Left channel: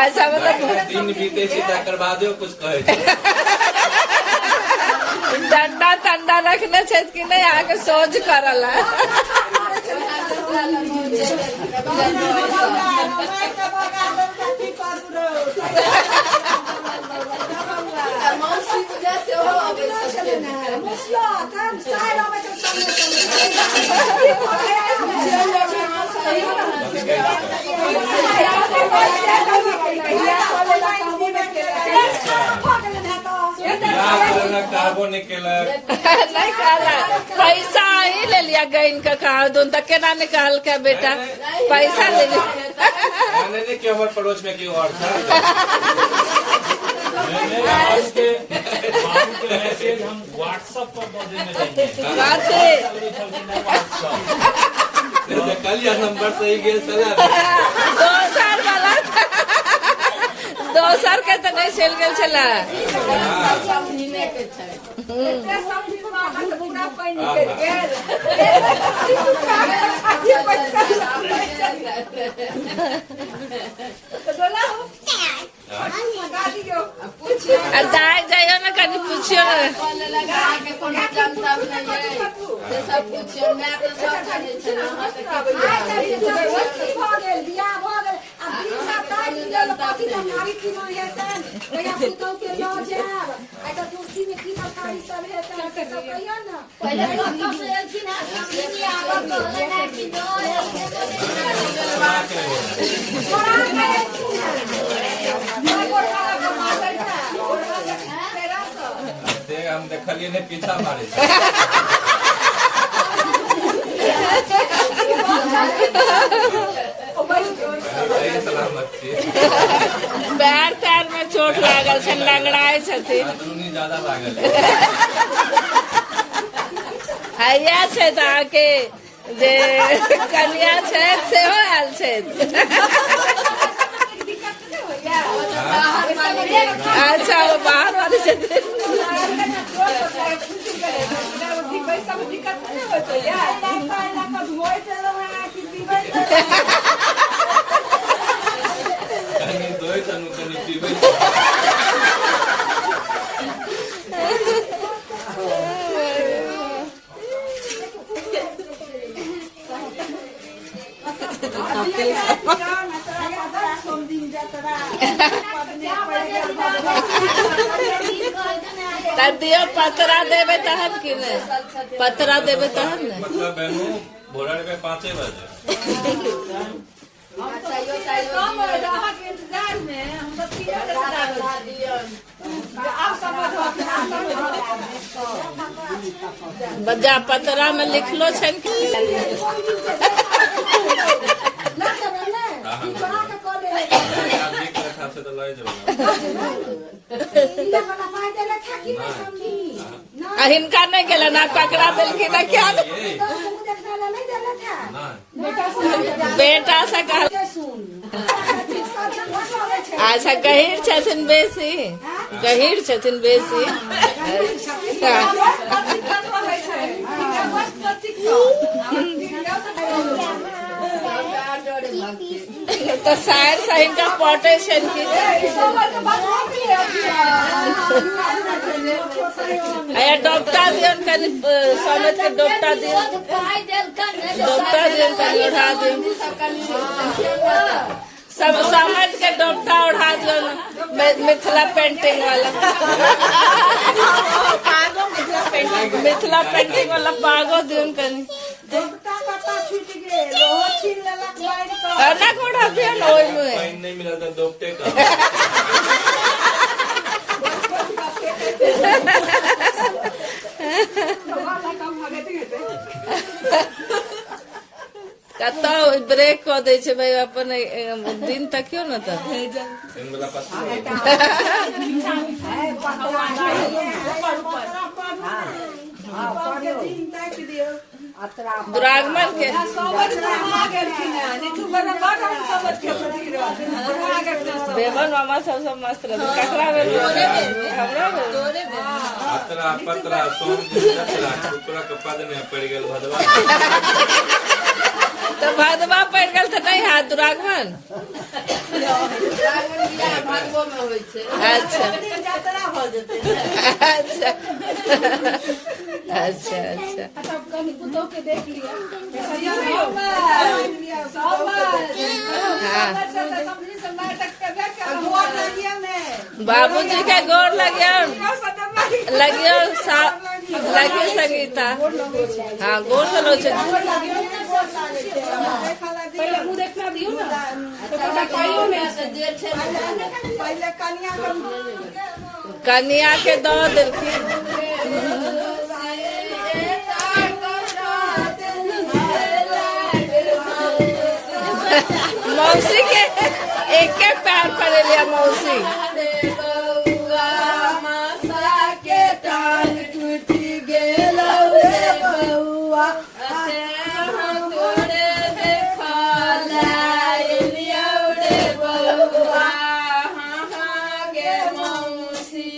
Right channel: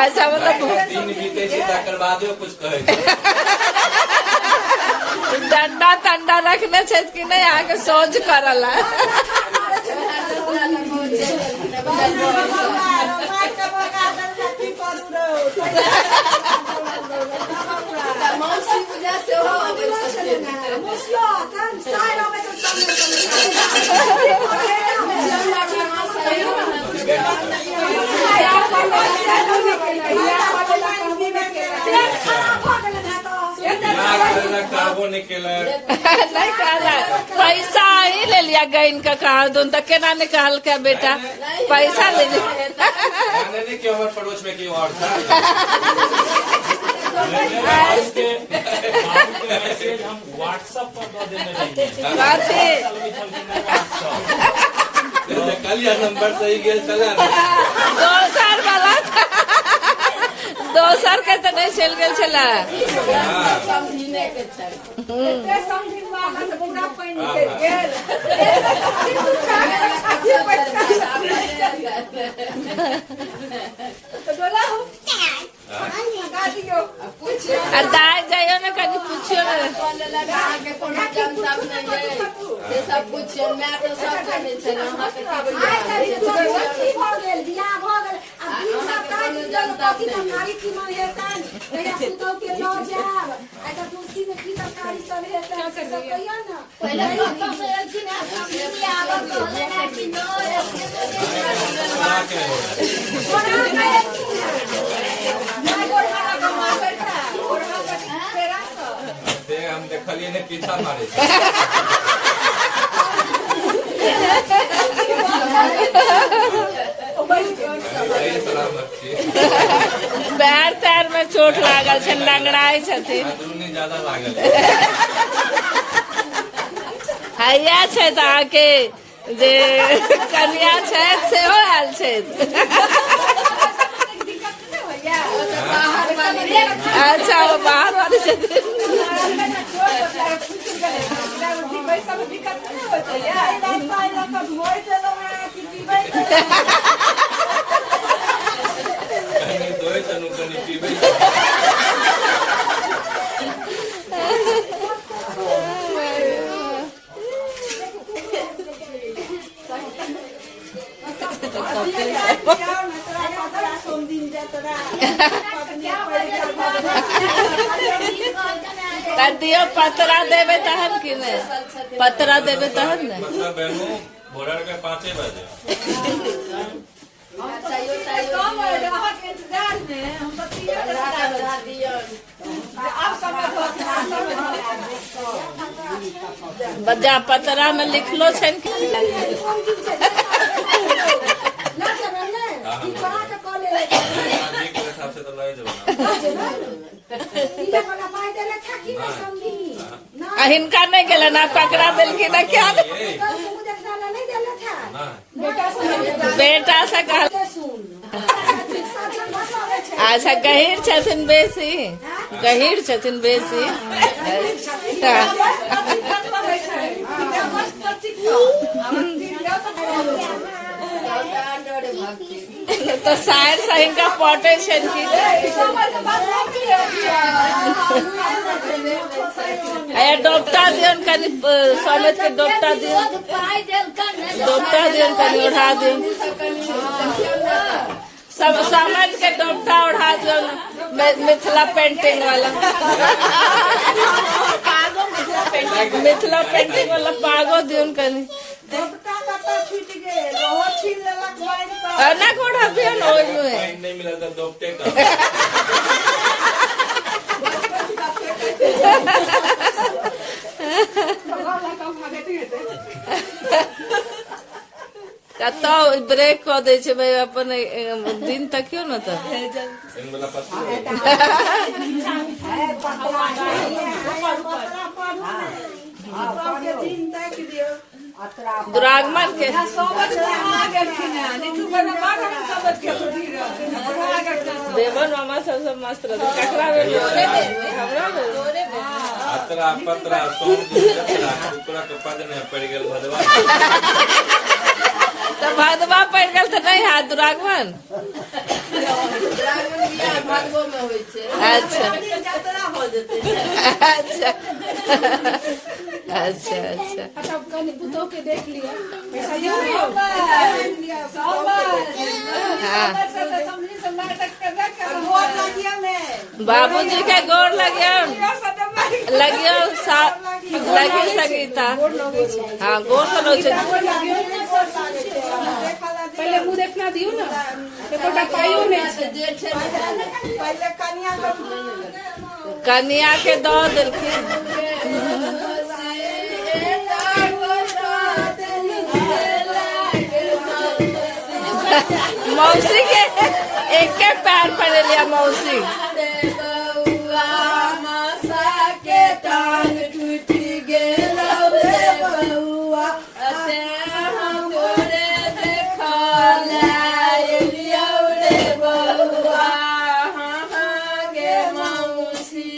अच्छा मतलब दिन बीते छी तकर बादो कुछ कहै छै। डंडा तंडा रखने छै कि नहीं आके सोच करल है। नहीं कहला पैसा ही ले लिया गईन का कहा दून तक केना निकाल के बेटा पैसा ले लिया। नहीं कि हमारे पड़ोस में क्यों और था। हम व्हाट्सएप पर कल यह नंबर सही गया चला 2 साल वाला 2 साल के तो नहीं चल गए चला। दाई जाइयो ना कभी पूछियो ना सब पूछियो मैं तो सब जाने छला हम देखलिए ने पीछा मारे सलामत पैर पैर में चोट लागल छै लंगड़ाए छथिन ज्यादा लागल हैया छै तऽ आके जे कनिया छै सेहो आयल छै। अच्छा वो बाहर वाले छथिन। दियो पतरा देवे तहन कि नहीं पतरा देवे तहन न मतलब बहनों भोरा में 5 बजे बजा पतरा में लिखलो छै कि से तो लगे जरूर हिनका नहीं गल ना पकड़ा दिलखिन ना क्या बेटा से कह अच्छा गहीर छथिन बेसी गहीर छथिन बेसी तो शायर सही का पटे छन की डॉक्टर दियन कनी सनत के डॉक्टर दियन कनी उठा दियन सब समझ के डॉक्टर उठा दियन मिथिला पेंटिंग वाला पागो मिथिला पेंटिंग वाला पागो दियन कनी ना कोड़ा दियन ओइ में नहीं मिला था डॉक्टर का कतो ब्रेक को दे छै भाई अपन दिन तक क्यों ना तो दुरागमन के बेबन मामा सब मस्त रहे ककरा हमरा अतरा पतरा सोम जतरा टुकड़ा के पद ने पड़ गेल भदवा तो भदवा पड़ गल तो नहीं हाथ दुरागमन। रावण बियाह भादवो में होइ छै। अच्छा यात्रा हो जेतै। अच्छा अच्छा अच्छा हाँ बाबूजी के गोर लगियो लगियो लगियो संगीता हाँ गोर तो लो छे पहले मुंह देखना दियो ना कन्या के दो दिलखिन मौसी के एक के पैर पर लिया मौसी के टांग टूटी गेलौ रे बउआ तोरे देखा लाइलियौ रे बउआ गे मौसी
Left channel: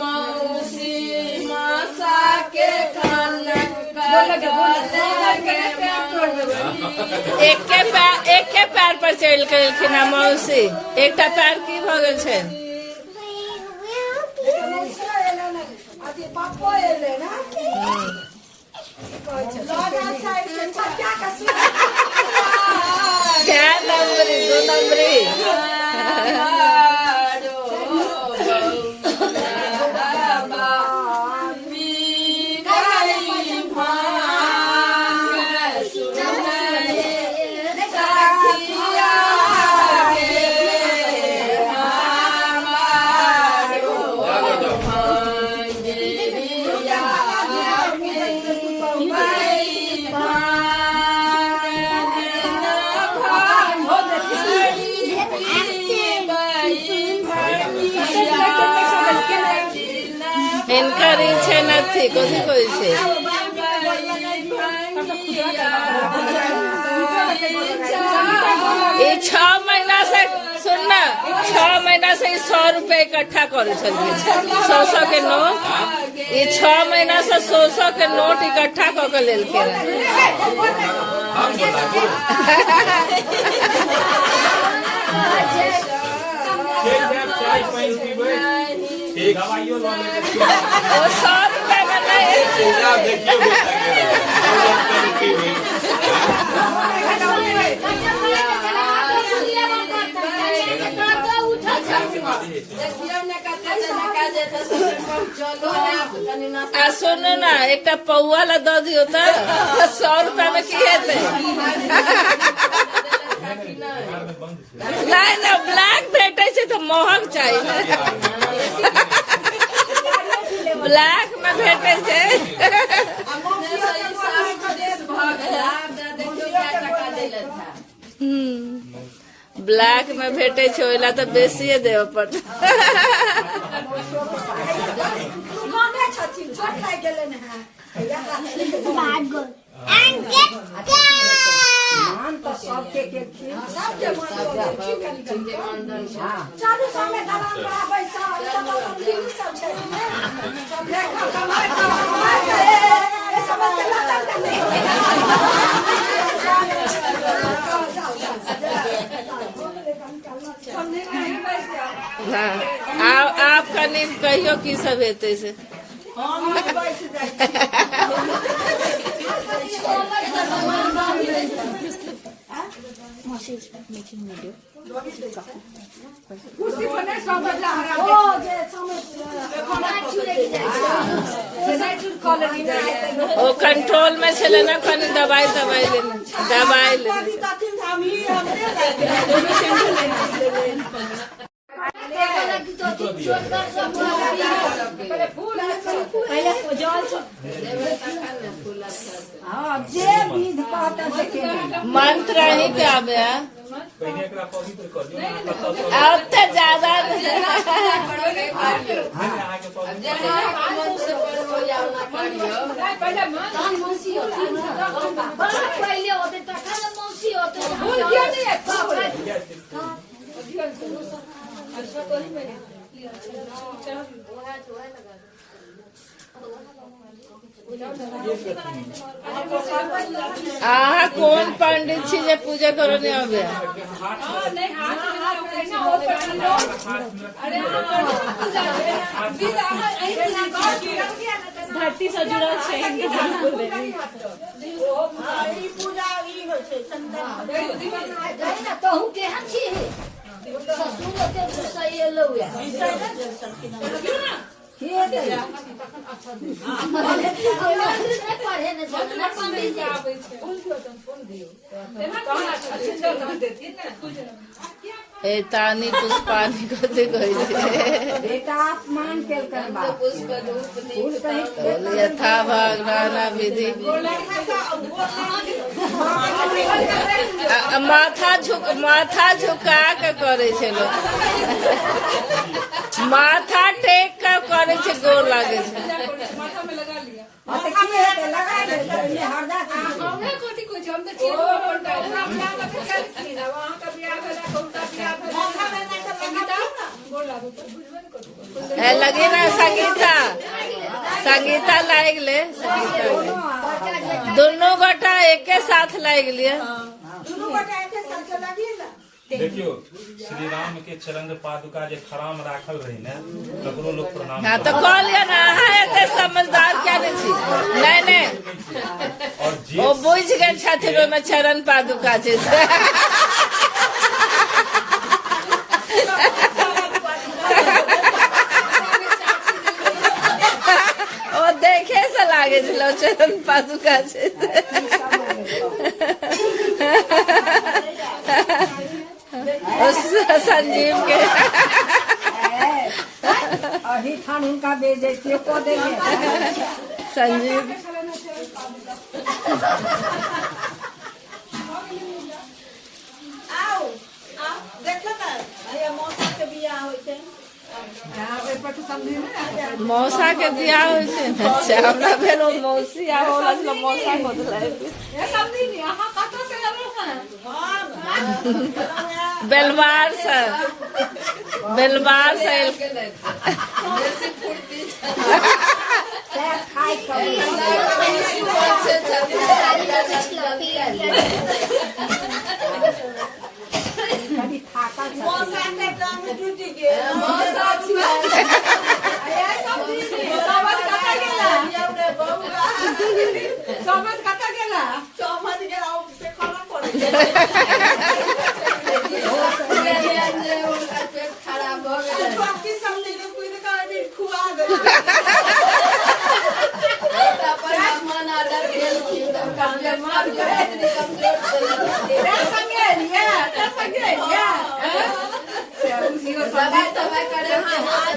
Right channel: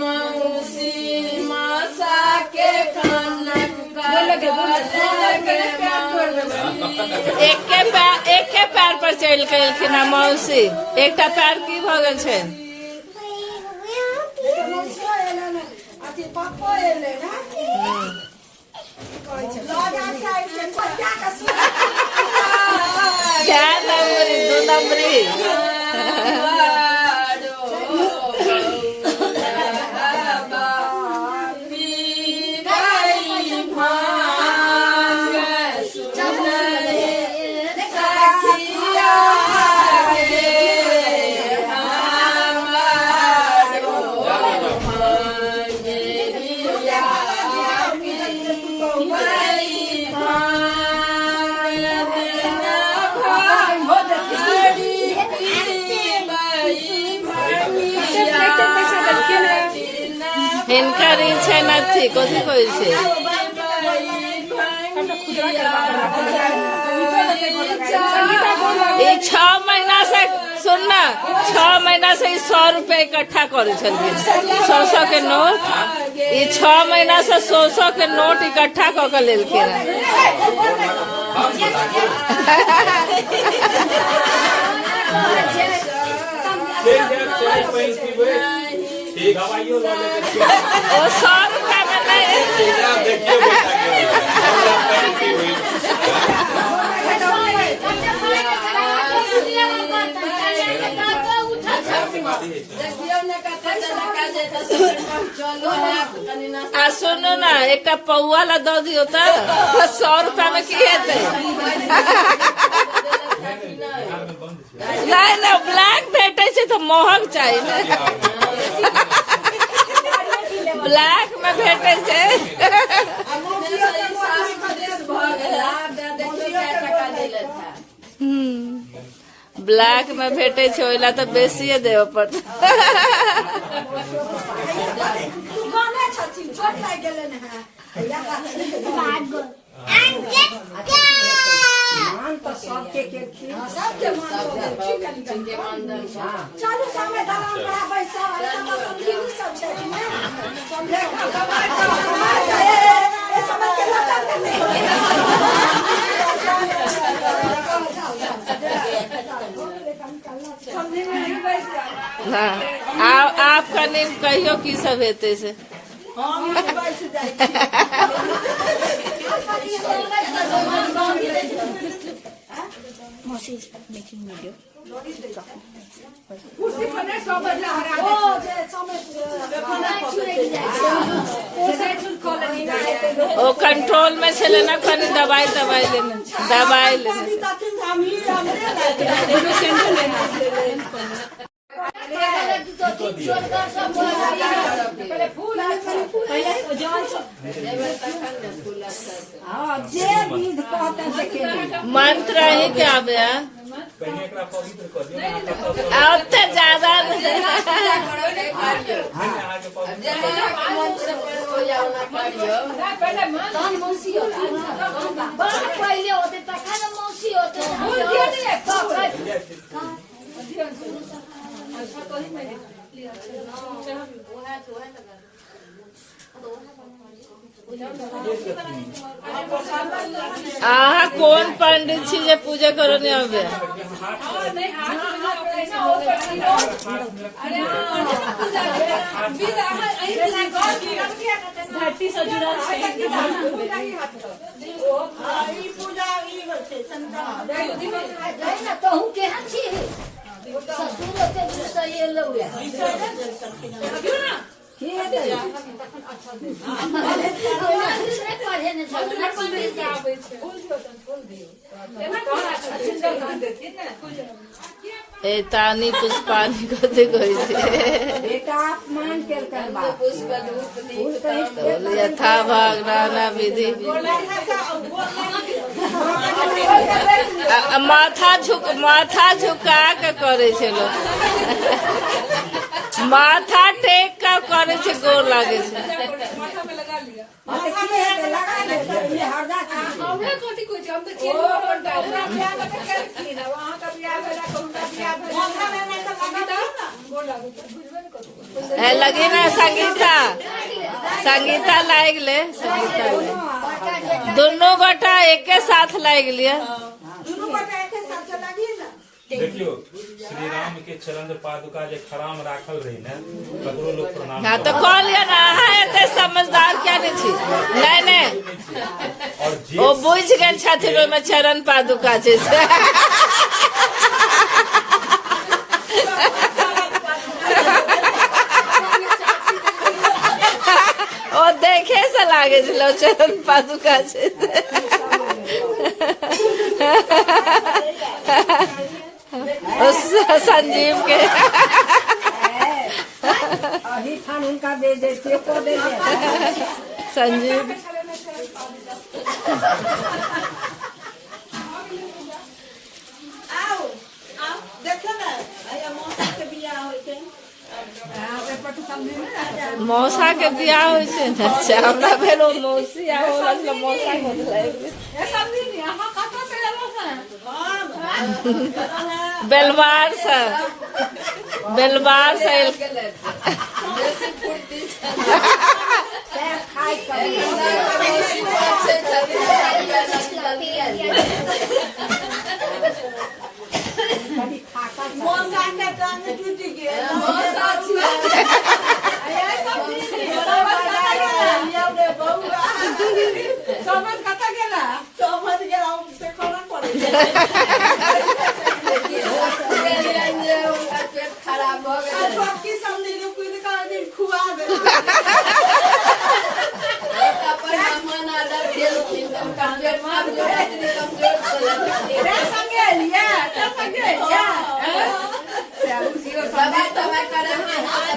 मौसी मासा के कानक एक के पैर पर चल के मौसी एक पैर की भ गेल छै क्या नंबरी दो नंबरी हिनकर इच्छा नहीं कथी कहै छै ये 6 महीना से सुनना 6 महीना से 100 रुपए इकट्ठा करे छलिए 100 के नोट ये 6 महीना से 100 के नोट इकट्ठा क के लेलके चाय पानी पीबे ठीक दवाइयो ला ले वो 100 रुपया बनाए देखियो बेटा के हुई आ सुनो ना एक पौआ ला दो दियो तो 100 रुपया में की हेतै नहीं ना ब्लैक भेटे से तो महंग चाहिए ब्लैक में भेटे से ब्लैक में भेटे छै ओइला तो बेसिए देव पड़त हाँ आपका लिंक कहियो की सब हेते से ओ कंट्रोल में से लेना कनी दवाई लेना मंत्र है क्या बया अब तो ज्यादा पहले होते तखन मौसी होते अहाँ कोन पंडित छी जे पूजा करो नहीं आवे धरती से जुड़ल छै कहूँ केहन छी ससुर के सही लौया तानी पुष्पानी कथी कहै छै बेटा अपमान केलकन बा यथा भागना विधि माथा झुका के करे छै लोग माथा टेक के करे छै गोर लागे छै लगे ना संगीता लाग ले दोनों गोटा एक साथ लाग लिया देखियो श्री राम के चरण पादुका जे खराम राखल रही ने ककरो लोग प्रणाम हाँ तो कॉल ना है समझदार क्या नहीं और ओ बुझ गए छथिन में चरण पादुका छै ओ देखे से लागे छलो चरण पादुका छै संजीव के अभी खान उनका बेच को दे संजीव मौसा के बियाह हो छै अच्छा हमरा भेलो मौसी आ होला छलो मौसा को बेलवार से खराब हो गया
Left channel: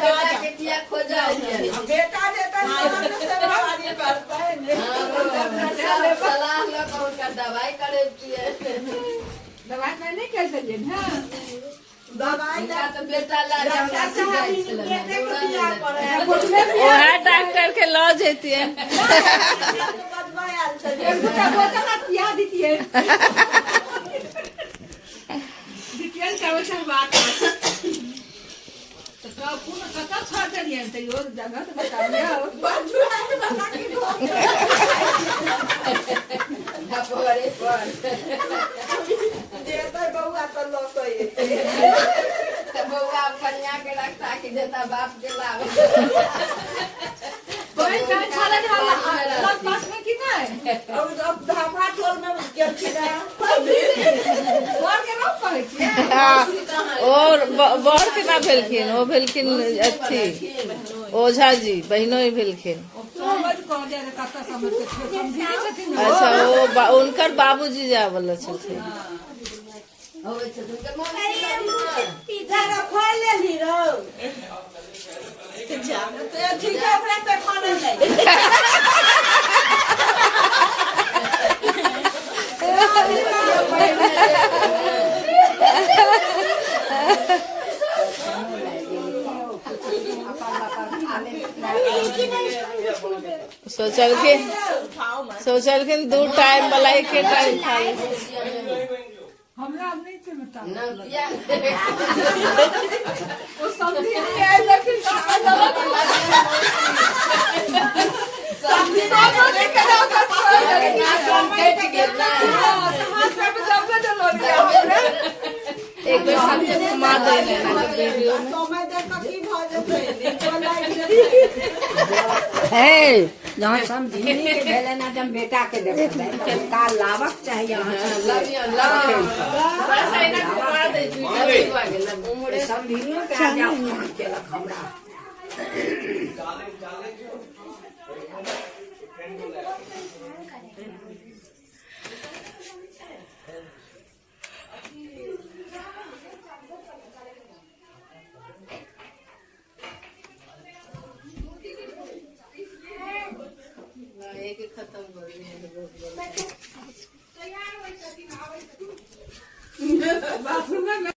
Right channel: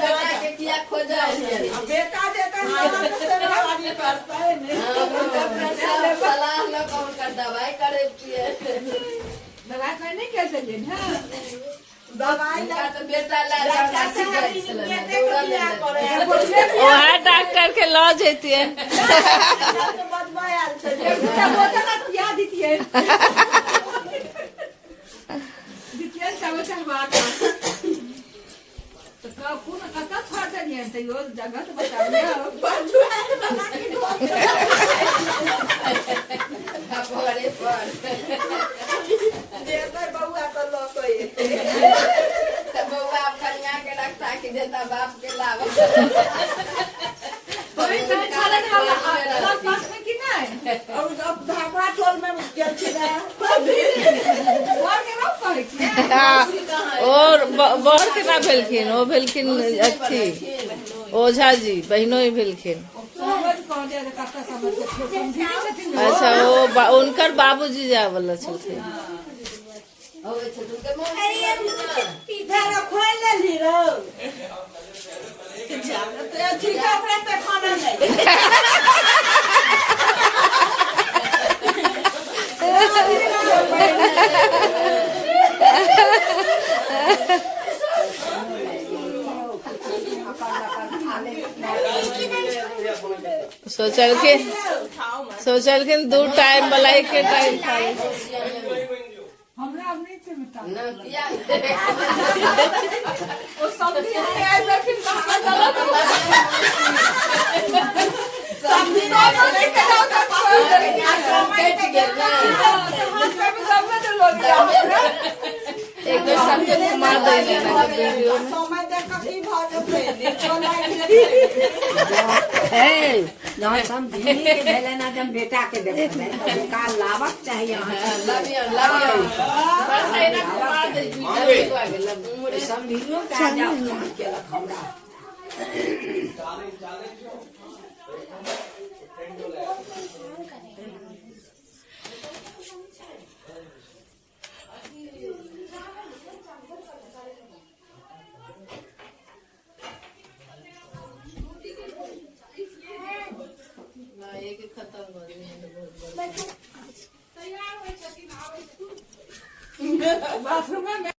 दवाई करे बेटा सलाह में कौन कर दवाई करे दवाई नहीं कर सके ना दवाई तो बेटा ला ओहे डॉक्टर के लॉ जैतिए जगह तो बताइए बउआ तो बउआ कन्या के रखता कि देता बाप के लाभ और बड़ के ना भेलखिन ओ भेलखिन अथी ओझा जी बहनों ही भेलखिन अच्छा वो उनकर बाबूजी जाए वाला छलखिन सोचलखिन 2 टाइम मलाई के टाइम खाए हमरा नहीं थे बता ना किया वो समझी नहीं आई लेकिन गलत समझी नहीं कट गया एक दो साल के घुमा देने वीडियो में है जहाँ समझी के भेले ना जब बेटा के देखे का लाभक चाहिए घुमा दे वीडियो सब हीरो के आगे अपमान केलक हमरा खत्म हो गया